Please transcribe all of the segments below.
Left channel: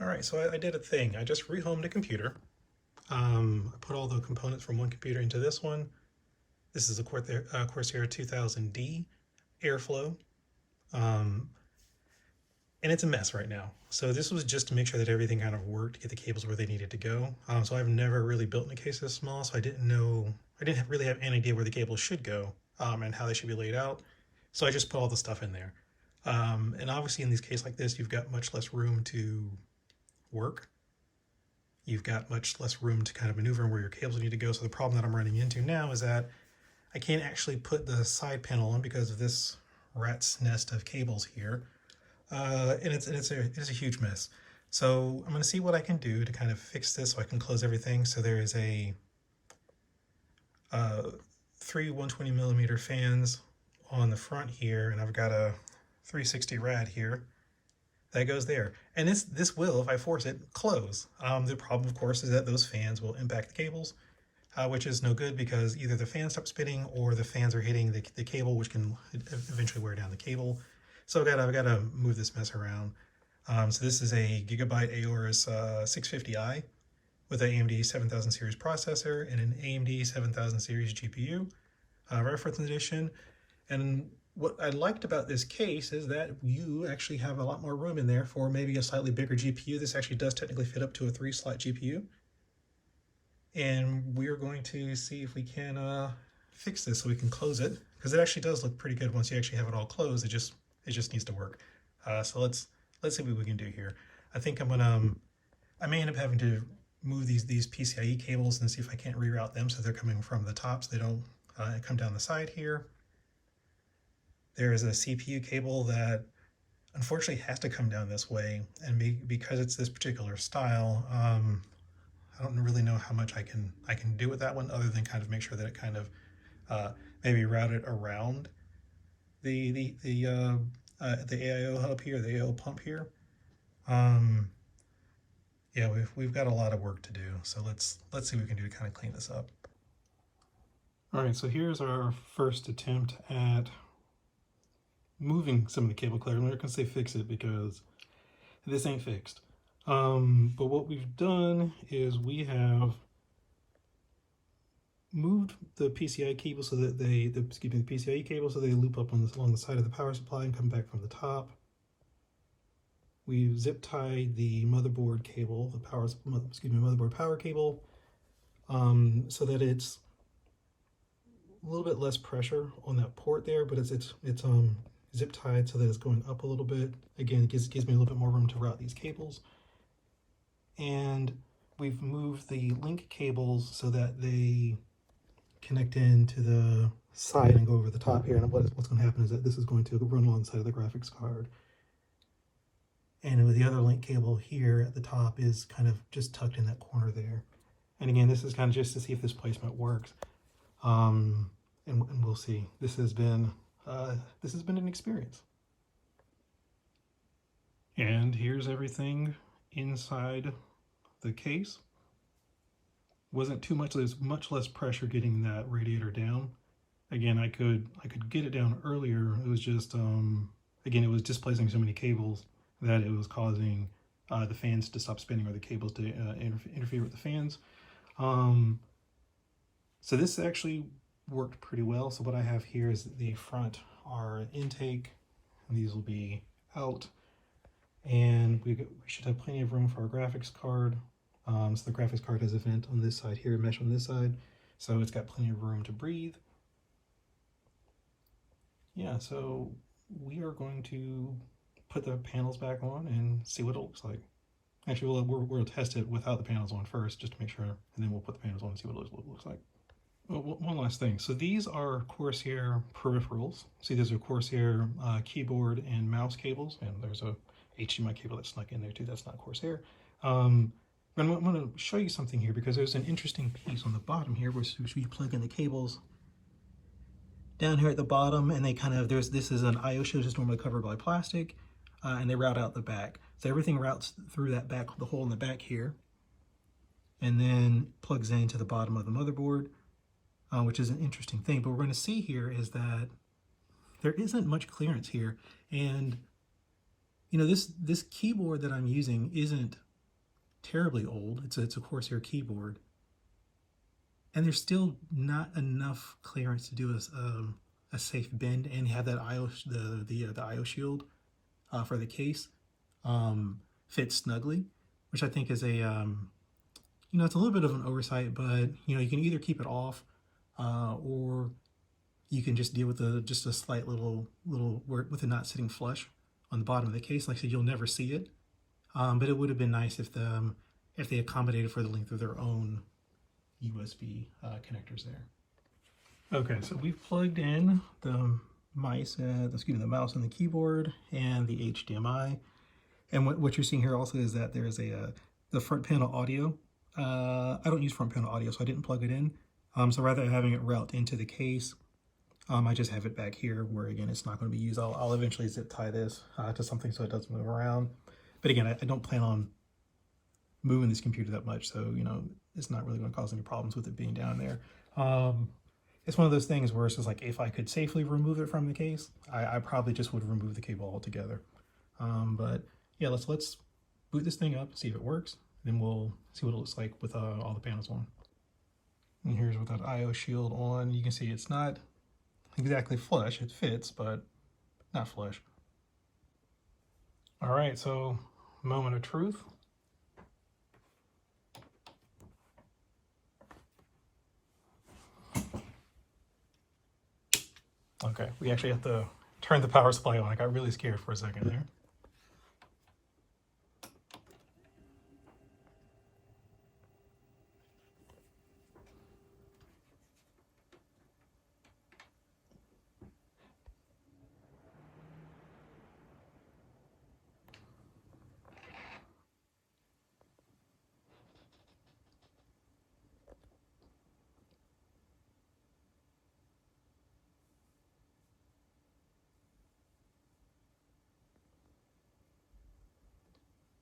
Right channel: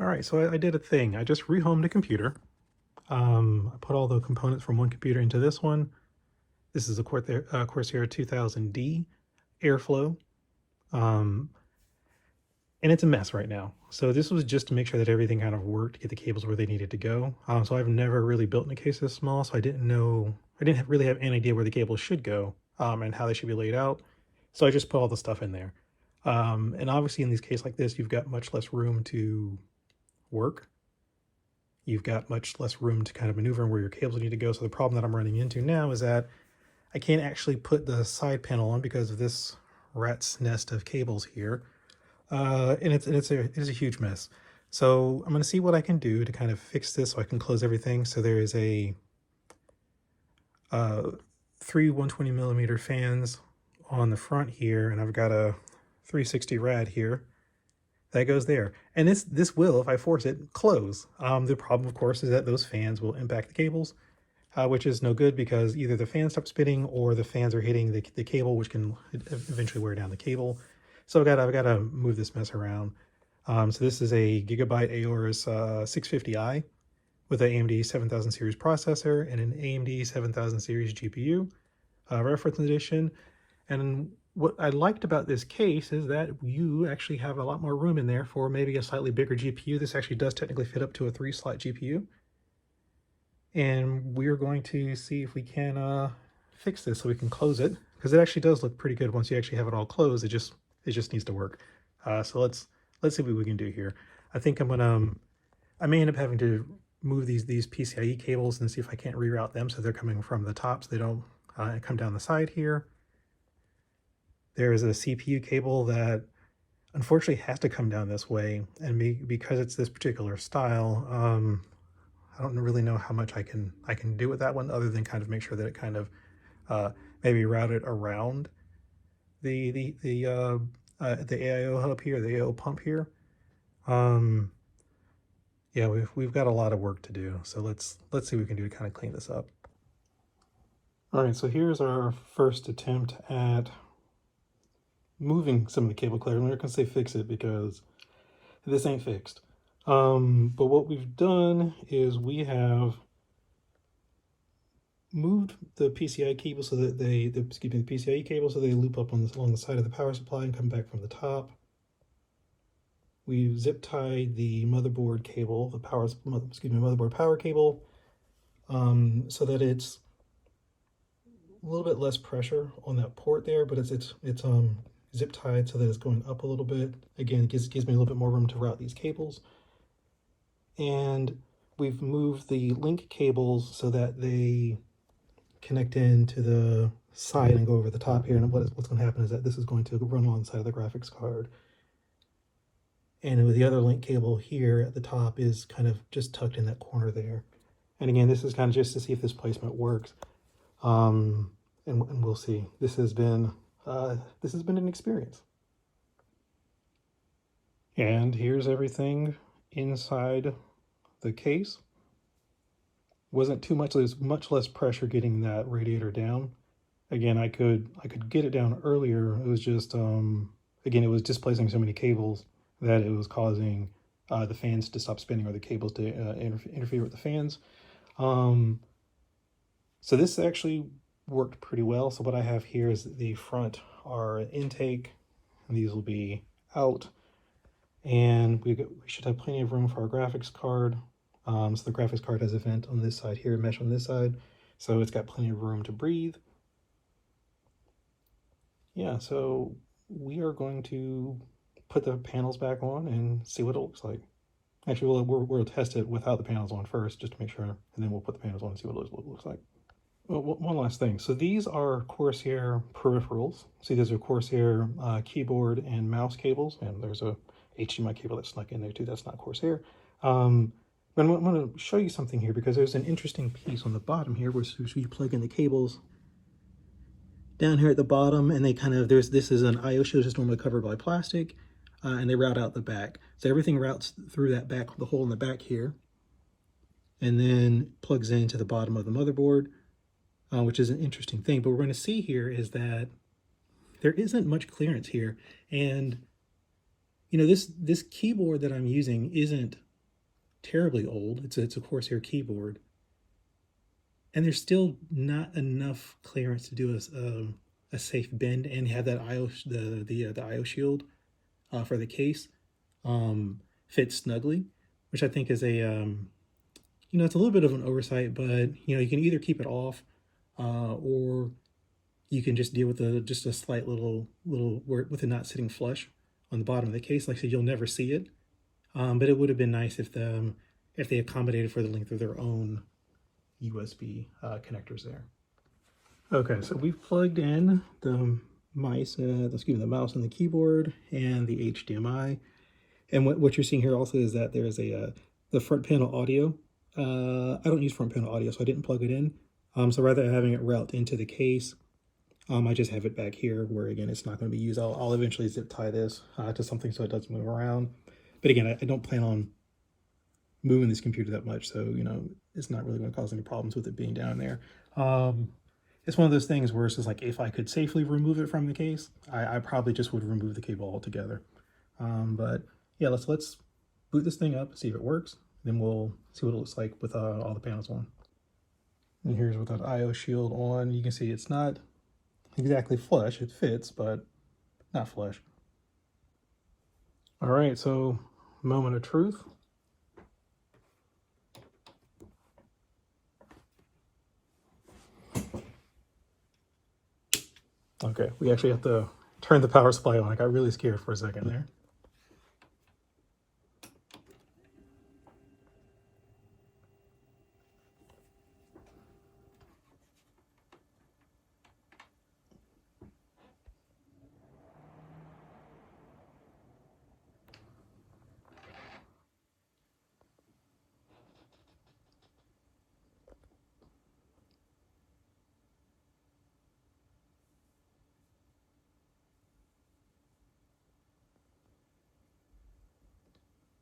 All right, so I did a thing. I just rehomed a computer. I put all the components from one computer into this one. This is a Corsair 2000D airflow, um, and it's a mess right now. So this was just to make sure that everything kind of worked, get the cables where they needed to go. So I've never really built in a case this small, so I didn't really have any idea where the cables should go and how they should be laid out. So I just put all the stuff in there. And obviously in these cases like this, you've got much less room to work. You've got much less room to kind of maneuver and where your cables need to go. So the problem that I'm running into now is that I can't actually put the side panel on because of this rat's nest of cables here. And it's a huge mess. So I'm going to see what I can do to kind of fix this so I can close everything. So there is three 120 millimeter fans on the front here, and I've got a 360 rad here that goes there. And this will, if I force it, close. The problem, of course, is that those fans will impact the cables, which is no good because either the fan stops spinning or the fans are hitting the cable, which can eventually wear down the cable. So I've got to move this mess around. So this is a Gigabyte Aorus 650i with an AMD 7000 series processor and an AMD 7000 series GPU, reference edition. And what I liked about this case is that you actually have a lot more room in there for maybe a slightly bigger GPU. This actually does technically fit up to a 3-slot GPU. And we're going to see if we can fix this so we can close it, because it actually does look pretty good once you actually have it all closed. It just needs to work. So let's see what we can do here. I think I may end up having to move these PCIe cables and see if I can't reroute them so they're coming from the top so they don't come down the side here. There is a CPU cable that unfortunately has to come down this way, and because it's this particular style, I don't really know how much I can do with that one other than kind of make sure that it kind of maybe route it around the AIO hub here, the AIO pump here. Yeah, we've got a lot of work to do, so let's see what we can do to kind of clean this up. All right, so here's our first attempt at moving some of the cable clear. I'm not gonna say fix it because this ain't fixed. But what we've done is we have moved the PCI cable so that the PCIe cable so they loop up along the side of the power supply and come back from the top. We've zip tied the motherboard cable, motherboard power cable, so that it's a little bit less pressure on that port there, but it's zip tied so that it's going up a little bit. Again, it gives me a little bit more room to route these cables. And we've moved the link cables so that they connect into the side and go over the top here. And what's going to happen is that this is going to run along the side of the graphics card. And with the other link cable here at the top is kind of just tucked in that corner there. And again, this is kind of just to see if this placement works. And we'll see. This has been an experience. And here's everything inside the case. Wasn't too much, there's much less pressure getting that radiator down. Again, I could get it down earlier. It was just again, it was displacing so many cables that it was causing the fans to stop spinning or the cables to interfere with the fans. So this actually worked pretty well. So what I have here is the front are intake, and these will be out. And we should have plenty of room for our graphics card. So the graphics card has a vent on this side here, a mesh on this side. So it's got plenty of room to breathe. Yeah, so we are going to put the panels back on and see what it looks like. Actually, we'll test it without the panels on first, just to make sure, and then we'll put the panels on and see what it looks like. Well, one last thing. So these are Corsair peripherals. See, these are Corsair keyboard and mouse cables, and there's a HDMI cable that's snuck in there too. That's not Corsair. I'm going to show you something here because there's an interesting piece on the bottom here where we plug in the cables down here at the bottom, and they kind of, this is an IO shield that's normally covered by plastic, and they route out the back. So everything routes through that back, the hole in the back here, and then plugs into the bottom of the motherboard, which is an interesting thing. But what we're going to see here is that there isn't much clearance here, and this keyboard that I'm using isn't terribly old. It's a Corsair keyboard, and there's still not enough clearance to do a safe bend and have that the IO shield for the case fit snugly, which I think is it's a little bit of an oversight, but you can either keep it off or you can just deal with just a slight little with it not sitting flush on the bottom of the case. Like I said, you'll never see it, but it would have been nice if they accommodated for the length of their own USB connectors there. Okay, so we've plugged in the mouse and the keyboard and the HDMI. And what you're seeing here also is that there's the front panel audio. I don't use front panel audio, so I didn't plug it in. So rather than having it route into the case, I just have it back here where, again, it's not going to be used. I'll eventually zip tie this to something so it doesn't move around. But again, I don't plan on moving this computer that much, so it's not really going to cause any problems with it being down there. It's one of those things where it's just like, if I could safely remove it from the case, I probably just would remove the cable altogether. But yeah, let's boot this thing up, see if it works. Then we'll see what it looks like with all the panels on. And here's with that IO shield on. You can see it's not exactly flush. It fits, but not flush. All right, so moment of truth. Okay, we actually have to turn the power supply on. I got really scared for a second there.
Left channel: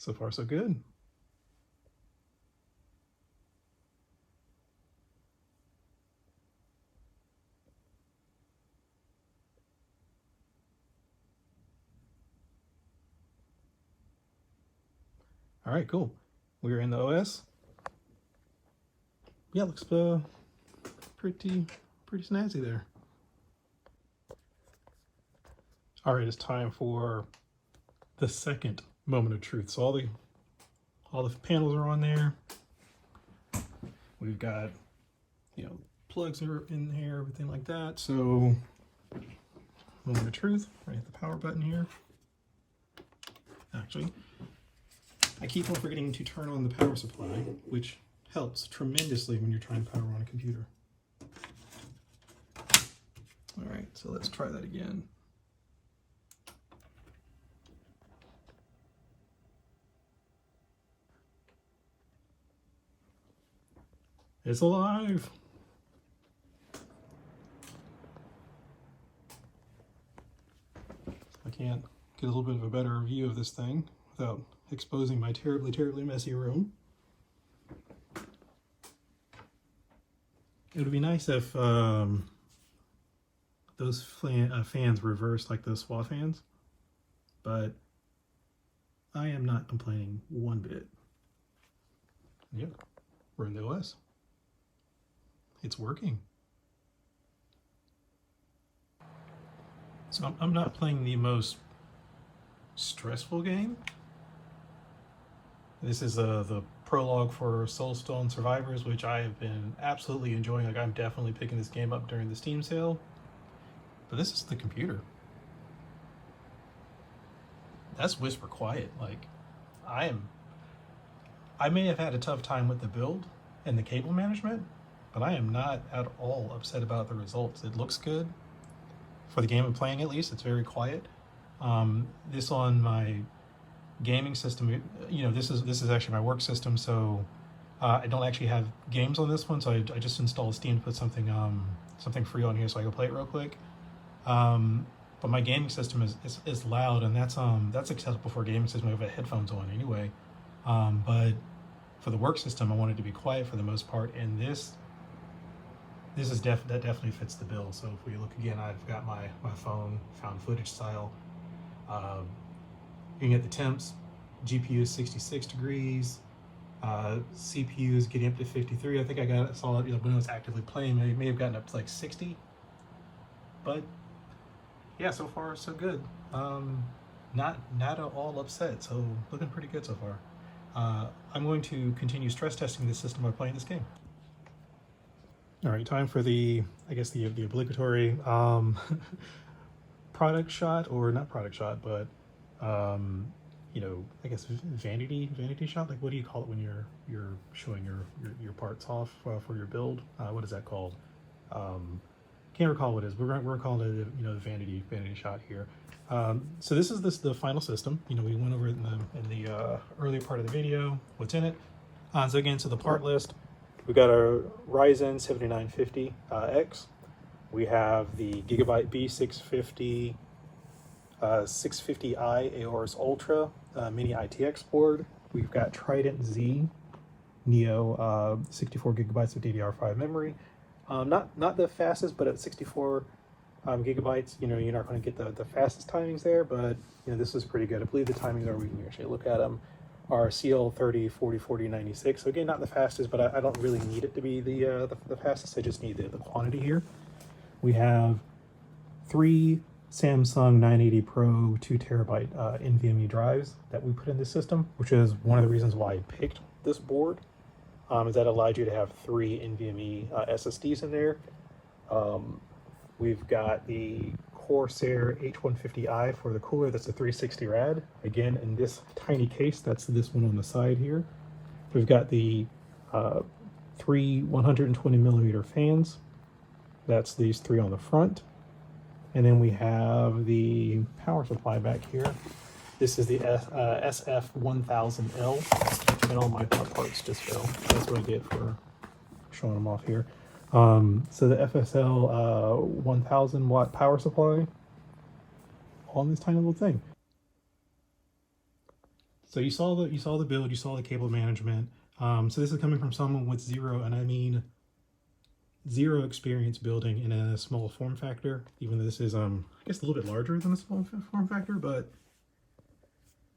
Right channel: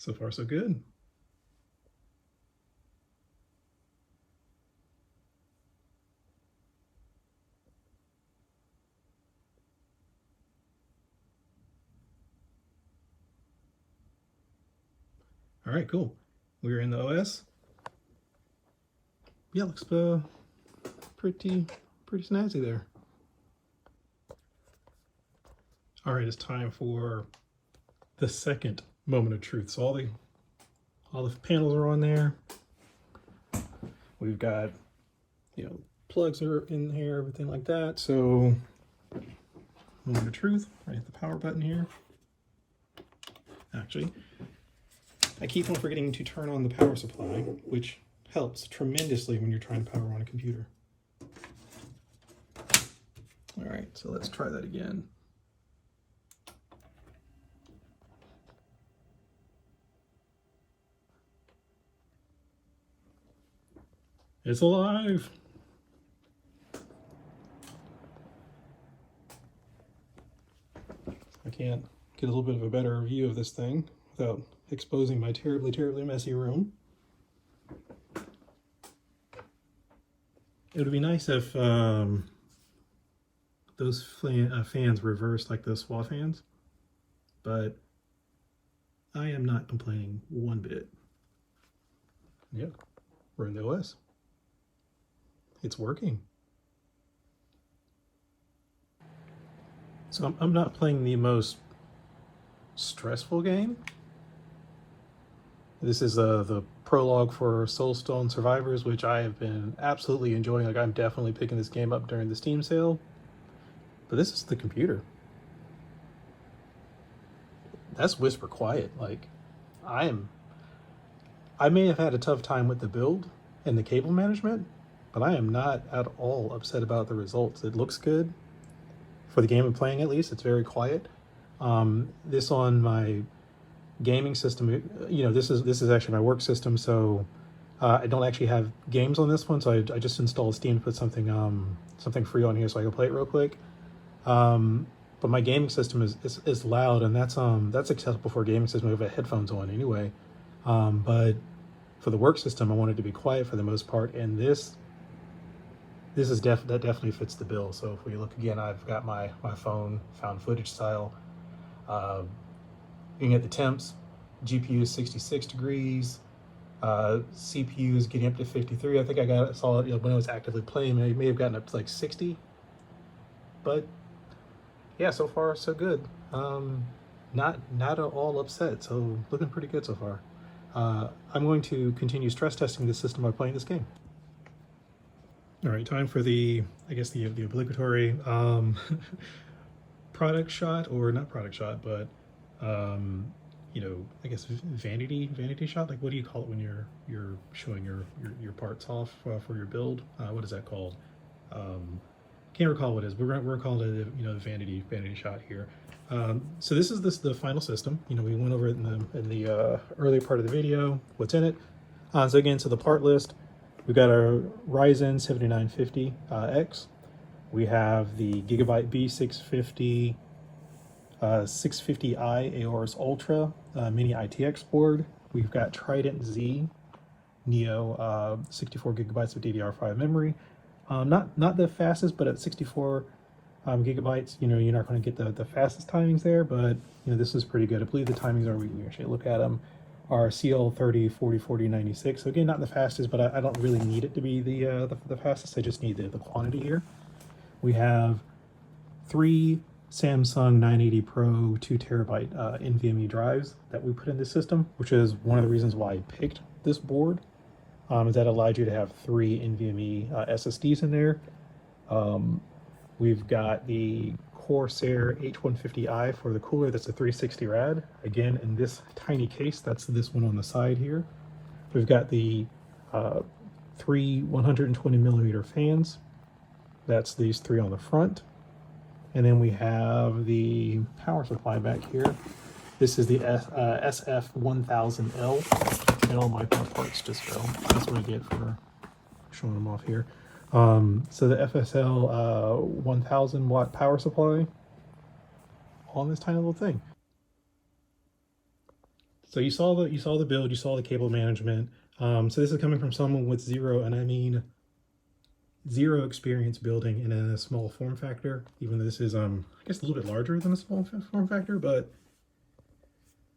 So far, so good. All right, cool. We're in the OS. Yeah, looks pretty snazzy there. All right, it's time for the second moment of truth. So all the panels are on there. We've got plugs are in here, everything like that. So moment of truth, right at the power button here. Actually, I keep on forgetting to turn on the power supply, which helps tremendously when you're trying to power on a computer. All right, so let's try that again. It's alive. I can't get a little bit of a better view of this thing without exposing my terribly messy room. It would be nice if those fans reversed like those SWA fans, but I am not complaining one bit. Yep, we're in the OS. It's working. So I'm not playing the most stressful game. This is the prologue for Soulstone Survivors, which I have been absolutely enjoying. Like, I'm definitely picking this game up during the Steam sale. But this is the computer. That's whisper quiet. Like, I may have had a tough time with the build and the cable management, but I am not at all upset about the results. It looks good. For the game I'm playing, at least, it's very quiet. This on my gaming system, this is actually my work system, so I don't actually have games on this one, so I just installed Steam to put something free on here so I can play it real quick. But my gaming system is loud, and that's accessible for a gaming system. I have headphones on anyway. But for the work system, I wanted to be quiet for the most part, and this is that definitely fits the bill. So if we look again, I've got my phone found footage style You can get the temps. GPU is 66 degrees. CPU is getting up to 53. I think saw it, when it was actively playing. It may have gotten up to like 60. But yeah, so far so good. Not at all upset. So looking pretty good so far. I'm going to continue stress testing this system by playing this game. All right, time for the obligatory product shot, or not product shot, but I guess vanity shot. Like, what do you call it when you're showing your parts off for your build? What is that called? Can't recall what it is. We're calling it the vanity shot here. So this is the final system. We went over it in the earlier part of the video. What's in it? So the part list. We've got our Ryzen 7950X. We have the Gigabyte B650 650i Aorus Ultra mini ITX board. We've got Trident Z Neo 64 gigabytes of DDR5 memory. Not the fastest, but at 64 gigabytes, you're not going to get the fastest timings there, but this is pretty good. I believe the timings we actually look at them, are CL30, 40, 40, 96. So again, not the fastest, but I don't really need it to be the fastest. I just need the quantity here. We have 3 Samsung 980 Pro 2 terabyte NVMe drives that we put in this system, which is one of the reasons why I picked this board. Is that allowed you to have 3 NVMe SSDs in there. We've got the Corsair H150i for the cooler. That's a 360 rad. Again, in this tiny case, that's this one on the side here. We've got the 3 120 millimeter fans. That's these 3 on the front. And then we have the power supply back here. This is the SF1000L. And all my parts just go. That's what I get for showing them off here. So the FSL 1000 watt power supply on this tiny little thing. So you saw the build, you saw the cable management. So this is coming from someone with zero, and I mean zero experience building in a small form factor, even though this is I guess a little bit larger than a small form factor, but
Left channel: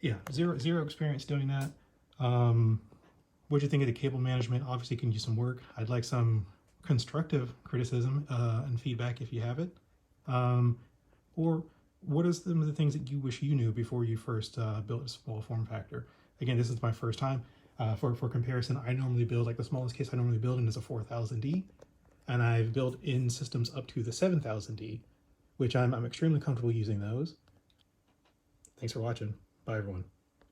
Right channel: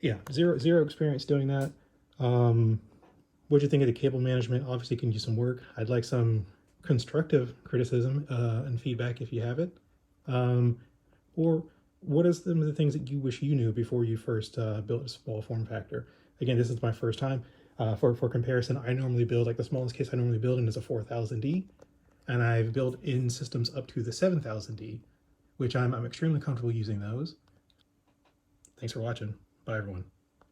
yeah, zero experience doing that. What do you think of the cable management? Obviously can use some work. I'd like some constructive criticism and feedback if you have it. Or what are some of the things that you wish you knew before you first built a small form factor? Again, this is my first time. For comparison, I normally build, like the smallest case I normally build in is a 4000D, and I've built in systems up to the 7000D, which I'm extremely comfortable using those. Thanks for watching. Bye, everyone.